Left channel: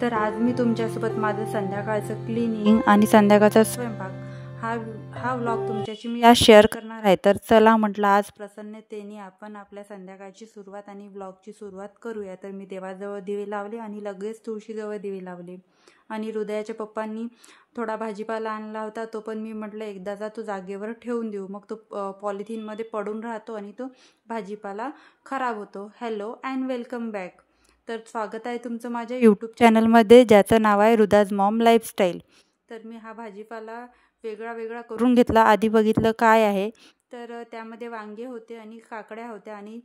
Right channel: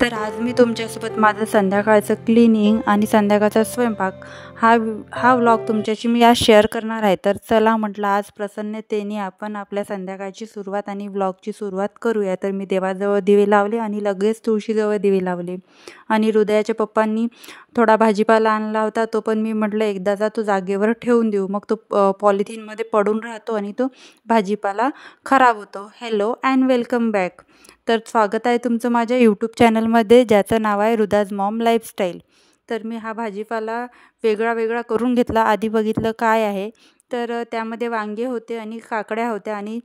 तर आज मी तुमच्यासोबत माझं संध्याकाळचं क्लिनिंग आणि संध्याकाळचा स्वयंपाक हा व्लॉग तुमच्याशी मी आज शेअर करणार आहे. तर चला म्हटलं आज प्रसन्नतेने आपण आपल्या संध्याकाळची सुरुवात आणि व्लॉगची सुरुवात करूया. तर मी देवाजवळ दिवे लावले आणि लगेच तुळशीजवळ दिवे लावले. आणि हृदयाच्या पप्पांनी थोडा भाजीपाला आणला होता, तो पण मी म्हटलं एकदाचा तो जागेवर ठेवून देऊ, मग तो पॉलिथिनमध्ये पडून राहतो आणि तो भाजीपाला खराब होतो. Hello and welcome back. तर स्वागत आहे तुमचं माझ्या यूट्यूब चॅनलमध्ये, ज्याचं नाव आहे हृदाज मॉम लाईफस्टाईल. तर मी हा भाजीपाला वेगळा वेगळा करून घेतला. आधी बघितलं काय आहे, तर त्यामध्ये वांगे होते आणि काकड्या होत्या आणि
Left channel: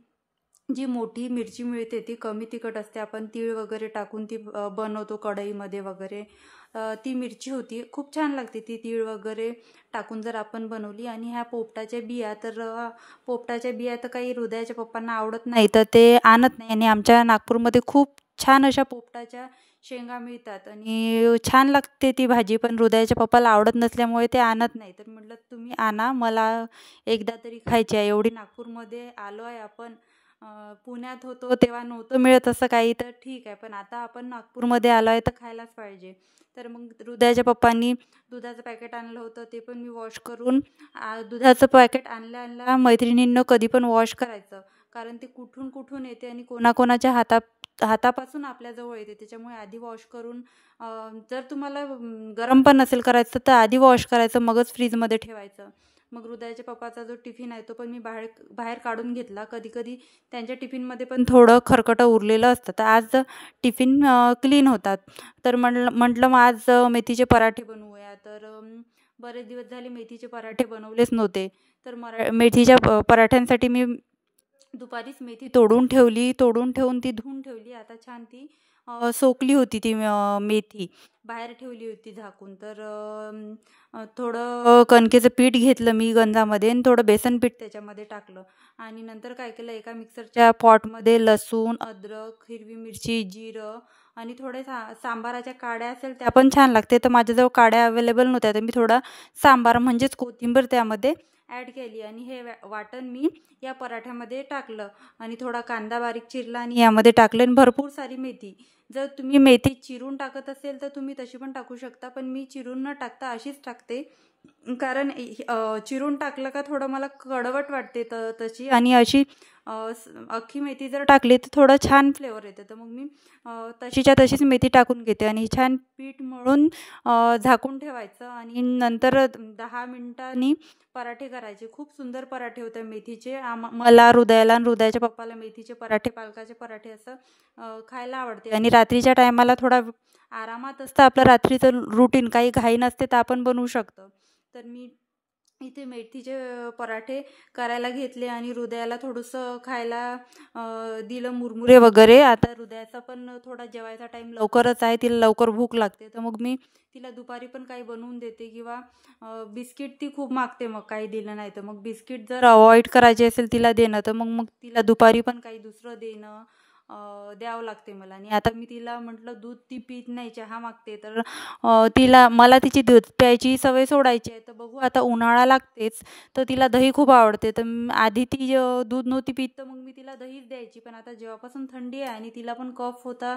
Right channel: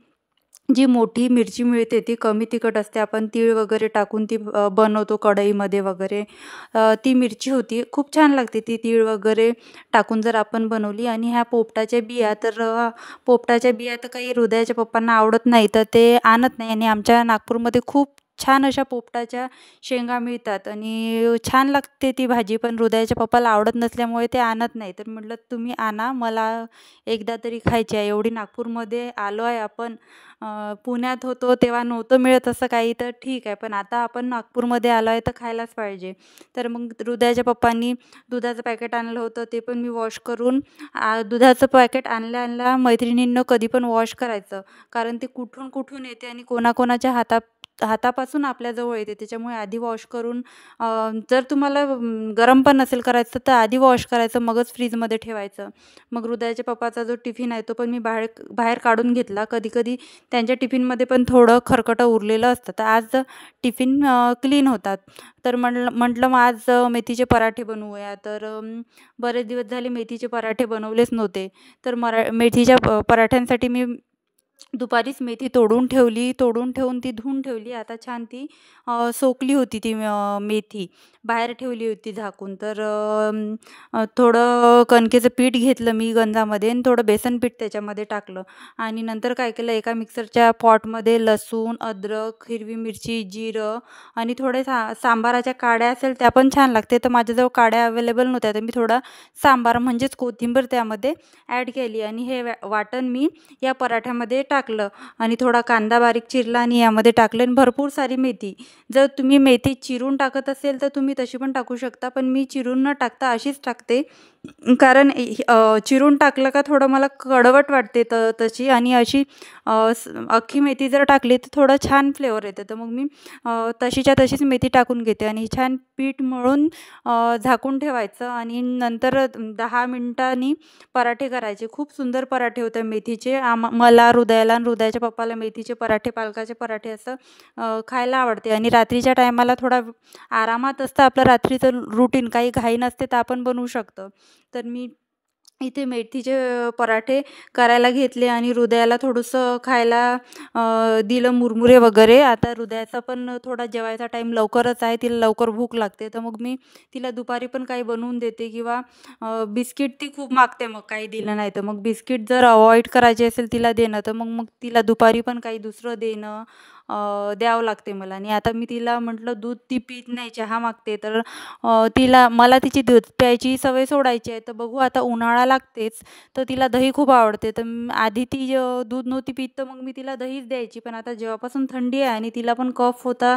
जी मोठी मिरची मिळते ती कमी तिखट असते. आपण तीळ वगैरे टाकून ती बनवतो कढईमध्ये वगैरे. ती मिरची होती, खूप छान लागते ती तीळ वगैरे टाकून जर आपण बनवली. आणि ह्या पोपटाच्या बिया, तर पोपटाच्या बिया तर काही हृदयाच्या पप्पांना आवडत नाही, तर ते आणत नाही. आणि आमच्या नागपूरमध्ये खूप छान अशा पोपटाच्या शेंगा मिळतात आणि छान लागते ती भाजी, पण हृदयाच्या पप्पाला आवडत नसल्यामुळे ते आणत नाही. तर म्हटलं तुम्ही आणा, मला एकदा तरी खायची आहे. एवढी नागपूरमध्ये आलो आहे आपण, पुण्यात होतो तेव्हा नव्हतं मिळत असं काही, तर ठीक आहे, पण आता आपण नागपूरमध्ये आलो आहे तर खायलाच पाहिजे. तर मग हृदयाच्या पप्पांनी दुधाचं पॅकेट आणलं होतं, ते पण मी वॉश करून दुधाचं पॅकेट आणल्या मैत्रिणींनं कधी पण वॉश करायचं, कारण ते कुठून कुठून येते आणि कोणाकोणाच्या हातापासून आपल्याजवळ येते. त्याच्यामुळे आधी वॉश करून, जर तुम्हाला गरम पण नसेल करायचं तर आधी वॉश करायचं, मगच फ्रीजमध्ये ठेवायचं. मग हृदयाच्या पप्पाचा जो टिफिन आहे तो पण मी बाहेर बाहेर काढून घेतला. कधीकधी त्यांच्या टिफिनमध्ये पण थोडं खरकटं उरलेलं असतं, तर आज टिफिन क्लीन होतात. तर म्हटलं मग आज मेथीचे पराठे बनवूया. तर बरेच दिवस झाले मेथीचे पराठे बनवलेच नव्हते. तर मेथीच्या पराठ्यांसाठी मी दुपारीच मेथी तोडून ठेवून ती धुवून ठेवली. आता छान ती सोकली होती ती मेथी, बाहेर ठेवली होती झाकून. तर थोडं कणकेचं पीठ घेतलं मी गंजामध्ये आणि थोडं बेसन पीठ त्याच्यामध्ये टाकलं. आणि नंतर काय केलं, एका मिक्सरच्या पॉटमध्ये लसूण, अद्रक, हिरवी मिरची, जिरं आणि थोडे सांबाराच्या काड्या असेल त्या पण छान लागते. तर माझ्याजवळ काड्या अवेलेबल नव्हत्या, तर मी थोडा सांबार म्हणजेच कोथिंबीर त्यामध्ये ॲड केली आणि हे वाटण मी या पराठ्यामध्ये टाकलं. आणि थोडा कांदा बारीक चिरला आणि यामध्ये टाकले आणि भरपूर सारी मेथी. जर तुम्ही मेथी चिरून टाकत असेल तर तुम्ही तशी पण टाकू शकता, पण मी चिरून न टाकता अशीच टाकते, कारण चिरून टाकलं का थोडं मला कडवट वाटते तशी. आणि अशी अख्खी मेथी जर टाकली तर थोडं छान फ्लेवर येते. तर मग मी तशीच्या तशीच मेथी टाकून घेते आणि छान पीठ मळून झाकून ठेवायचं. आणि नंतर 10 मिनिटांनी पराठे करायचे. खूप सुंदर पराठे होते मेथीचे. मला, हृदयाला आणि हृदयाच्या पप्पाला मेथीचे पराठे, पालकाचे पराठे असं खायला आवडते. आणि रात्रीच्या टायमाला थोडा आरामात असतं आपलं रात्रीचं रुटीन, काही घाई नसते तर आपण बनवू शकतो. तर मी इथे मेथीचे पराठे करायला घेतले आणि हृदयाला थोडंसं खायला दिलं, मुरमुरे वगैरे. आता हृदयाचा पण थोडा जेवायचा टाईम लवकरच आहे, तिला लवकर भूक लागते, तर मग मी तिला दुपारी पण काही बनवून देते. किंवा बिस्किट ती खूप मागते, मग काही दिलं नाही तर मग बिस्किट जर अवॉइड करायचे असेल तिला देणं, तर मग मग तिला दुपारी पण काही दुसरं देणं द्यावं लागते मला. आणि आता मी तिला म्हटलं दूध ती पीत नाही, चहा मागते, तर मला तिची दूध प्यायची सवय सोडायची आहे. तर बघू, आता उन्हाळा लागतेच, तर तिला दही खूप आवडते. तर आधी ती दूध नव्हती पीत, तर मग मी तिला दहीच द्यायची. पण आता जेव्हापासून थंडी आहे आणि तिला पण कफ होता,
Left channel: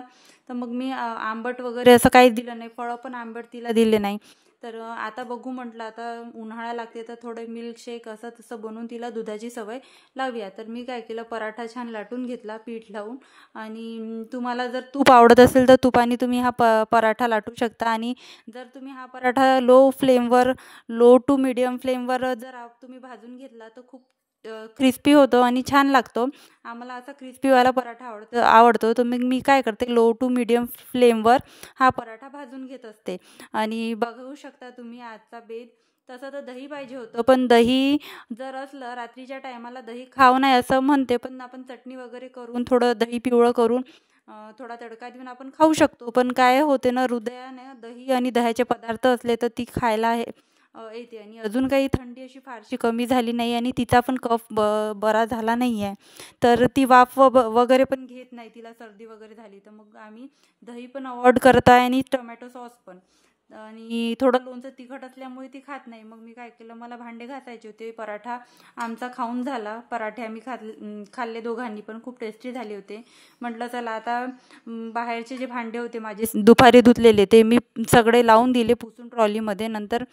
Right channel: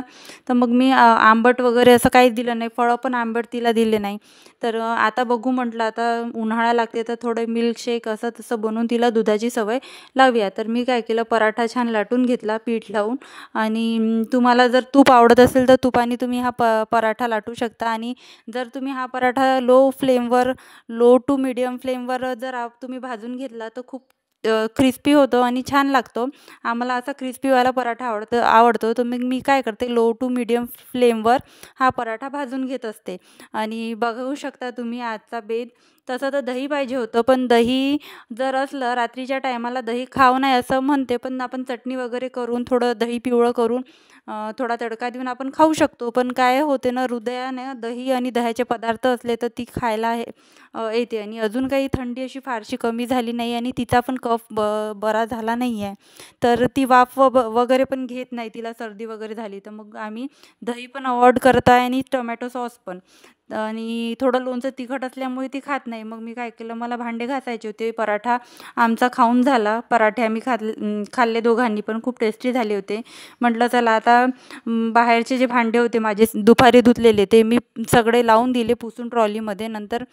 तर मग मी आंबट वगैरे असं काहीच दिलं नाही, फळं पण आंबट तिला दिले नाही. तर आता बघू म्हटलं, आता उन्हाळा लागते तर थोडं मिल्कशेक असं तसं बनवून तिला दुधाची सवय लावूया. तर मी काय केलं, पराठा छान लाटून घेतला पीठ लावून. आणि तुम्हाला जर तूप आवडत असेल तर तुपाने तुम्ही हा पराठा लाटू शकता. आणि जर तुम्ही हा पराठा लो टू मीडियम फ्लेमवर जर तुम्ही भाजून घेतला तर खूप क्रिस्पी होतो आणि छान लागतो. आम्हाला असा क्रिस्पीवाला पराठा आवडतो. तर मग मी काय करते, लो टू मीडियम फ्लेमवर हा पराठा भाजून घेत असते. आणि बघू शकता तुम्ही आजचा बेत. तसं तर दही पाहिजे होतं, पण दही जर असलं रात्रीच्या टायमाला दही खाऊ नये असं म्हणते, पण आपण चटणी वगैरे करून थोडं दही पिवळं करून थोडा तडका देऊन आपण खाऊ शकतो. पण काय होते ना, हृदयाने दही आणि दह्याचे पदार्थ असले तर ती खायला येते. आणि अजून काही थंडी अशी फारशी कमी झाली नाही आणि तिचा पण कफ बरा झाला नाही आहे. तर ती वाफ वगैरे पण घेत नाही, तिला सर्दी वगैरे झाली तर मग आम्ही दही पण अवॉइड करत आहे आणि टोमॅटो सॉस पण. आणि थोडं लोणचं तिखट असल्यामुळे ती खात नाही. मग मी काय केलं, मला भांडे घासायचे होते. पराठा आमचा खाऊन झाला. पराठे आम्ही खाल्ले दोघांनी पण, खूप टेस्टी झाले होते. म्हटलं चला आता बाहेरचे जे भांडे होते माझे दुपारी धुतलेले ते मी सगळे लावून दिले पुसून ट्रॉलीमध्ये. नंतर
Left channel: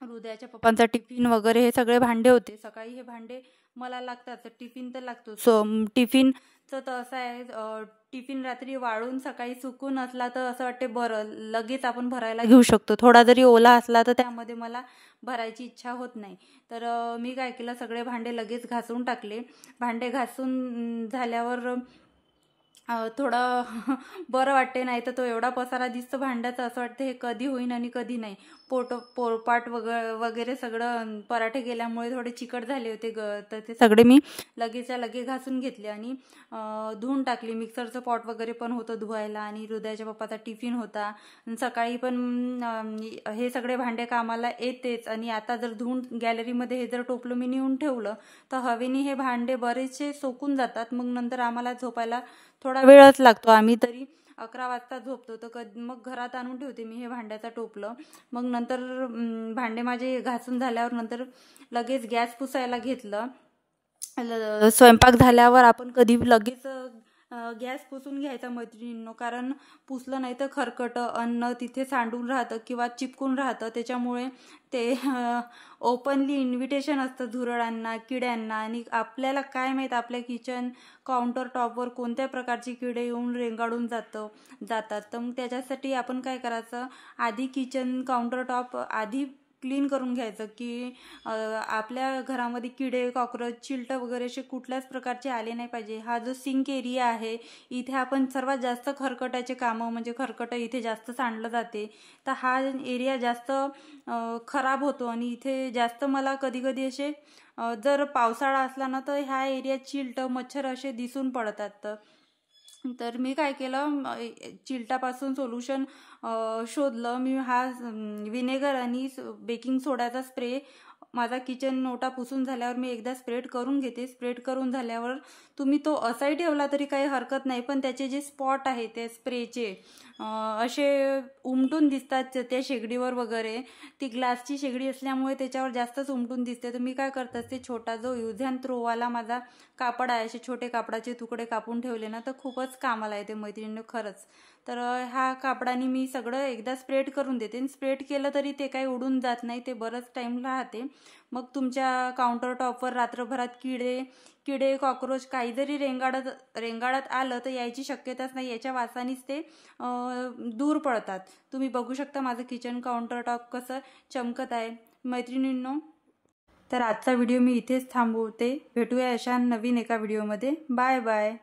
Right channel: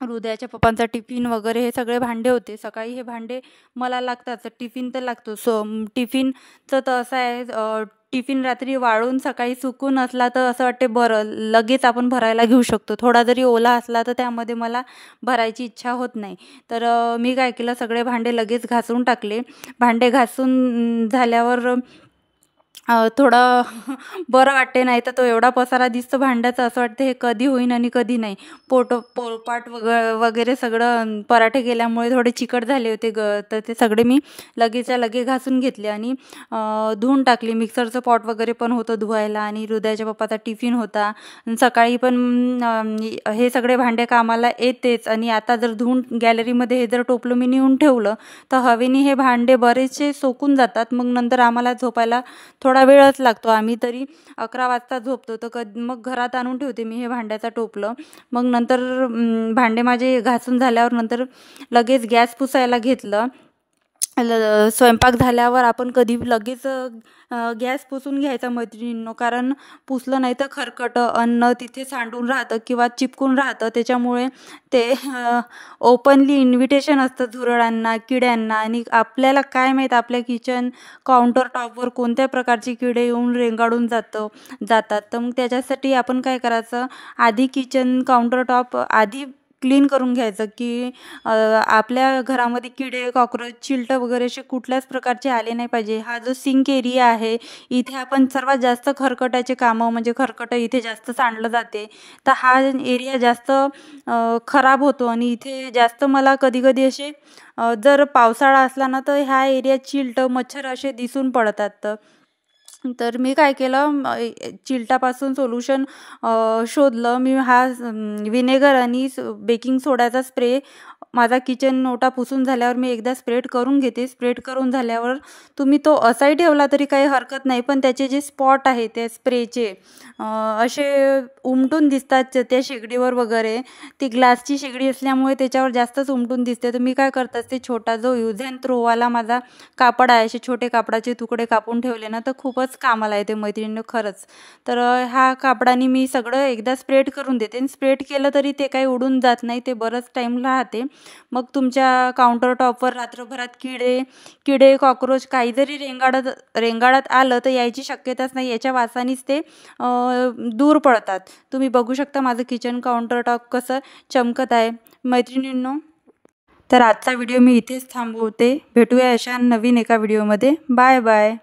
हृदयाच्या पप्पांचा टिफिन वगैरे हे सगळे भांडे होते. सकाळी हे भांडे मला लागतात, टिफिन तर लागतो. टिफिनचं तर असं आहे, टिफिन रात्री वाळून सकाळी सुकून असला तर असं वाटते बरं लगेच आपण भरायला घेऊ शकतो. थोडा जरी ओला असला तर त्यामध्ये मला भरायची इच्छा होत नाही. तर मी काय केलं, सगळे भांडे लगेच घासून टाकले. भांडे घासून झाल्यावर थोडं बरं वाटते. नाही तर तो एवढा पसारा दिसतो भांड्याचा, असं वाटतं हे कधी होईन आणि कधी नाही. पोळपाट वगैरे सगळं पराठे केल्यामुळे थोडे चिकट झाले होते तर ते सगळे मी लगेचच्या लगे घासून घेतले आणि धुवून टाकली. मिक्सरचं पॉट वगैरे पण होतं धुवायला आणि हृदयाच्या पप्पाचा टिफिन होता. सकाळी पण हे सगळे भांडे कामाला येतेच. आणि आता जर धुवून गॅलरीमध्ये हे जर टोपलं मी नेऊन ठेवलं तर हवेने हे भांडे बरेचसे सोकून जातात. मग नंतर आम्हाला झोपायला थोडा वेळच लागतो. आम्ही तरी 11 वाजता झोपतो. तर मग घरात आणून ठेवते मी हे भांड्याचा टोपलं. मग नंतर भांडे माझे घासून झाल्यावर नंतर लगेच गॅस पुसायला घेतलं. स्वयंपाक झाल्यावर आपण कधी लगेच गॅस पुसून घ्यायचा मैत्रिणींनो, कारण पुसलं नाही तर खरकटं अन्न तिथे सांडून राहतं किंवा चिपकून राहतं. त्याच्यामुळे ते ओपनली इन्व्हिटेशन असतं झुरळांना, किड्यांना. आणि आपल्याला काय माहीत आपल्या किचन काउंटर टॉपवर कोणत्या प्रकारची किडे येऊन रेंगाळून जातात. तर मग त्याच्यासाठी आपण काय करायचं, आधी किचन काउंटर टॉप आधी क्लीन करून घ्यायचं की आपल्या घरामध्ये किडे, कॉकरोच, चिलटं वगैरे असे कुठल्याच प्रकारचे आले नाही पाहिजे. हा जो सिंक एरिया आहे इथे आपण सर्वात जास्त खरकटाचे कामं, म्हणजे खरकटं इथे जास्त सांडलं जाते. तर हा एरिया जास्त खराब होतो आणि इथे जास्त मला कधी कधी असे जर पावसाळा असला ना तर ह्या एरियात चिलटं, मच्छर असे दिसून पडतात. तर मी काय केलं, चिलटापासून सोल्युशन शोधलं मी. हा विनेगर आणि बेकिंग सोड्याचा स्प्रे माझा किचन ओटा पुसून झाल्यावर मी एकदा स्प्रेड करून घेते. स्प्रेड करून झाल्यावर तुम्ही तो असाही ठेवला तरी काही हरकत नाही, पण त्याचे जे स्पॉट आहे त्या स्प्रेचे असे उमटून दिसतात त्या शेगडीवर वगैरे. ती ग्लासची शेगडी असल्यामुळे त्याच्यावर जास्तच उमटून दिसते. तर मी काय करत असते, छोटा जो यूज अँड थ्रोवाला माझा कापड आहे, असे छोटे कापडाचे तुकडे कापून ठेवले ना तर खूपच कामाला येते मैत्रिणींनो खरंच. तर ह्या कापडाने मी सगळं एकदा स्प्रेड करून देते. आणि स्प्रेड केलं तरी ते काही उडून जात नाही, ते बरंच टाईम राहते. मग तुमच्या काउंटर टॉपवर रात्रभरात किडे, कॉकरोच काही जरी रेंगाळत आलं तर यायची शक्यताच नाही. याच्या वासानेच ते दूर पडतात. तुम्ही बघू शकता माझं किचन काउंटर टॉप कसं चमकत आहे मैत्रिणींनो. तर आजचा व्हिडिओ मी इथेच थांबवते. भेटूया अशा नवीन एका व्हिडिओमध्ये. Bye bye.